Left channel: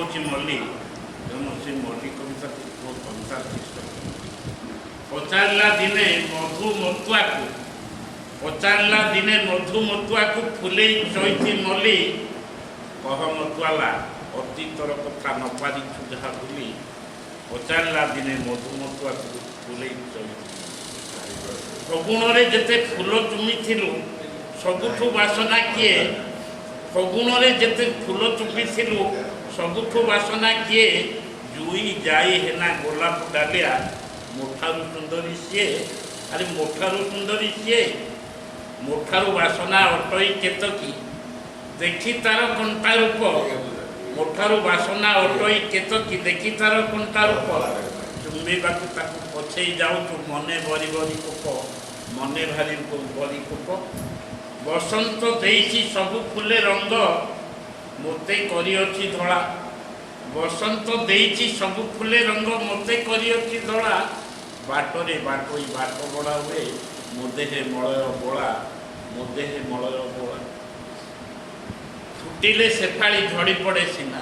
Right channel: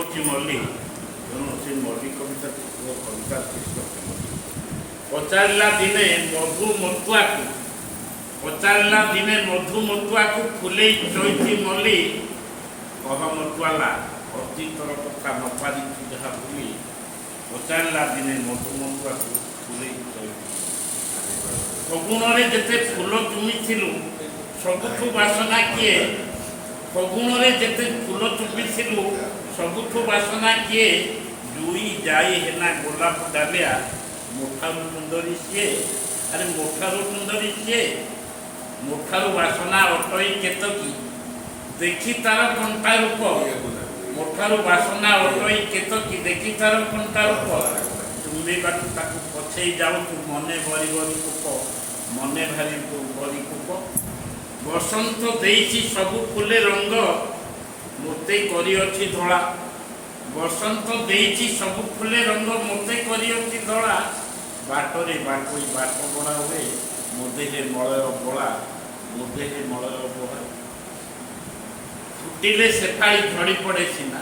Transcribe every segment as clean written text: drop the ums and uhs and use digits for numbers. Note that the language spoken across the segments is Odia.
ହେଉଛି ମଲ୍ଲି, ତେଣୁ ସେ ମଲ୍ଲି କବିତାକୁ କବିତା ସୃଷ୍ଟି ପଚାରିଲା ଦିନେ ମଧୁମତୁଆକୁ ଫୁଲେଇ ଚଇଛି ମଲ୍ଲି, କହ ମତୁଆଲା ଅତୀତର କଥା ନ ପାରିଛୁ ଯାହା ଭୁଲି। ପଚାରିଲା ଦିନେ ମଧୁମତୁଆକୁ ଫୁଲେଇ ଚଇଛି। ଫଗୁଣରେ ଯେତେ ଫୁଲ ଚୁମିଥିଲୁ ସବୁଠୁ ବାସନା କିଏ? ଫଗୁଣରେ ଯେତେ ଫୁଲ ଚୁମିଥିଲୁ ସବୁଠୁ ବାସନା କିଏ? ଜୁଇ ଯାଇ ହେନା ଗୋଲାପ ଡାଲିଆ, ମୋଠାରୁ ସୁନ୍ଦରୀ ସିଏ। ଆରେ ମୋଠାରୁ ସୁନ୍ଦରୀ ସିଏ, ମୋଠାରୁ ବାସନା ଅଟଇ କେତକୀ, ଦେଖି ତାର କଣ୍ଟା ରୂପ। ମୋଠାରୁ ବାସନା ଅଟଇ କେତକୀ, ଦେଖି ତାର କଣ୍ଟା ରୂପ। ଚୁମ୍ବିବାକୁ ତାକୁ ପଛେଇ ଯାଉଛୁ ମନେ ଭରି ଭରି କୋପ, ମନେ ଭାରି ଭରି କୋପ। ବସନ୍ତ ଦେଇଛି ସବୁ ଫୁଲେ ରଙ୍ଗ, ମୋତେ କରିଅଛି ଧଳା। ବସନ୍ତ ଦେଇଛି ସବୁ ଫୁଲେ ରଙ୍ଗ, ମୋତେ କରିଅଛି ଧଳା। ବାଟରେ ବାଟୋଇ ବାଟ ବଡ଼ା ହୁଏ, ମୋ ଦେହେ ମଳୟ ବୋଳା, ମୋ ଦେହେ ମଳୟ ବୋଳା। ଫୁଟିଲେ ସେଫାଳି ଝଡ଼ି ପଡ଼େ ସିନା,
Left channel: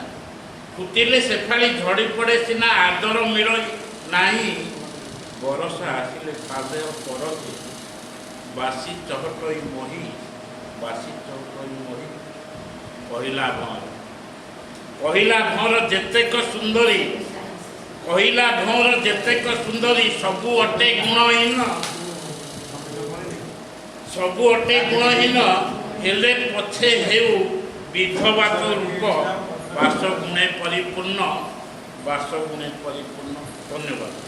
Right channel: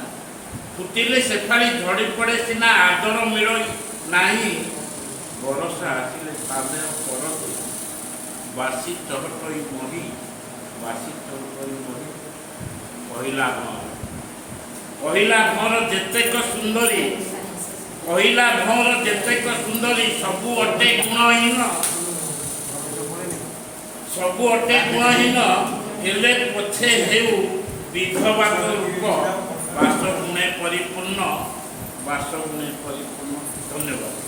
ଫୁଟିଲେ ସେଫାଳି ଝଡ଼ି ପଡ଼େ ସିନା, ଆଦର ମିଳ ନାହିଁ। ବରଷା ଆସିଲେ ପାଦେୟ ପରକୁ, ବାସି ଚହଟଇ ମହି, ବାସି ଚହଟଇ ମହି। କହିଲା ଭଁର ଯେତେକ ସୁନ୍ଦରୀ, କହିଲା ଭଁର ଯେତେକ ସୁନ୍ଦରୀ, ସବୁ ଅଟେ ଗୁଣହୀନ, ସବୁ ଅଟେ ଗୁଣହୀନ। ହେଲେ ପଛେ ହେଉ ବିଧବାକ ରୂପ, ବାସଗୁଣେ ପରିପୂର୍ଣ୍ଣ, ବାସଗୁଣେ ପରିପୂର୍ଣ୍ଣ। ଧନ୍ୟବାଦ।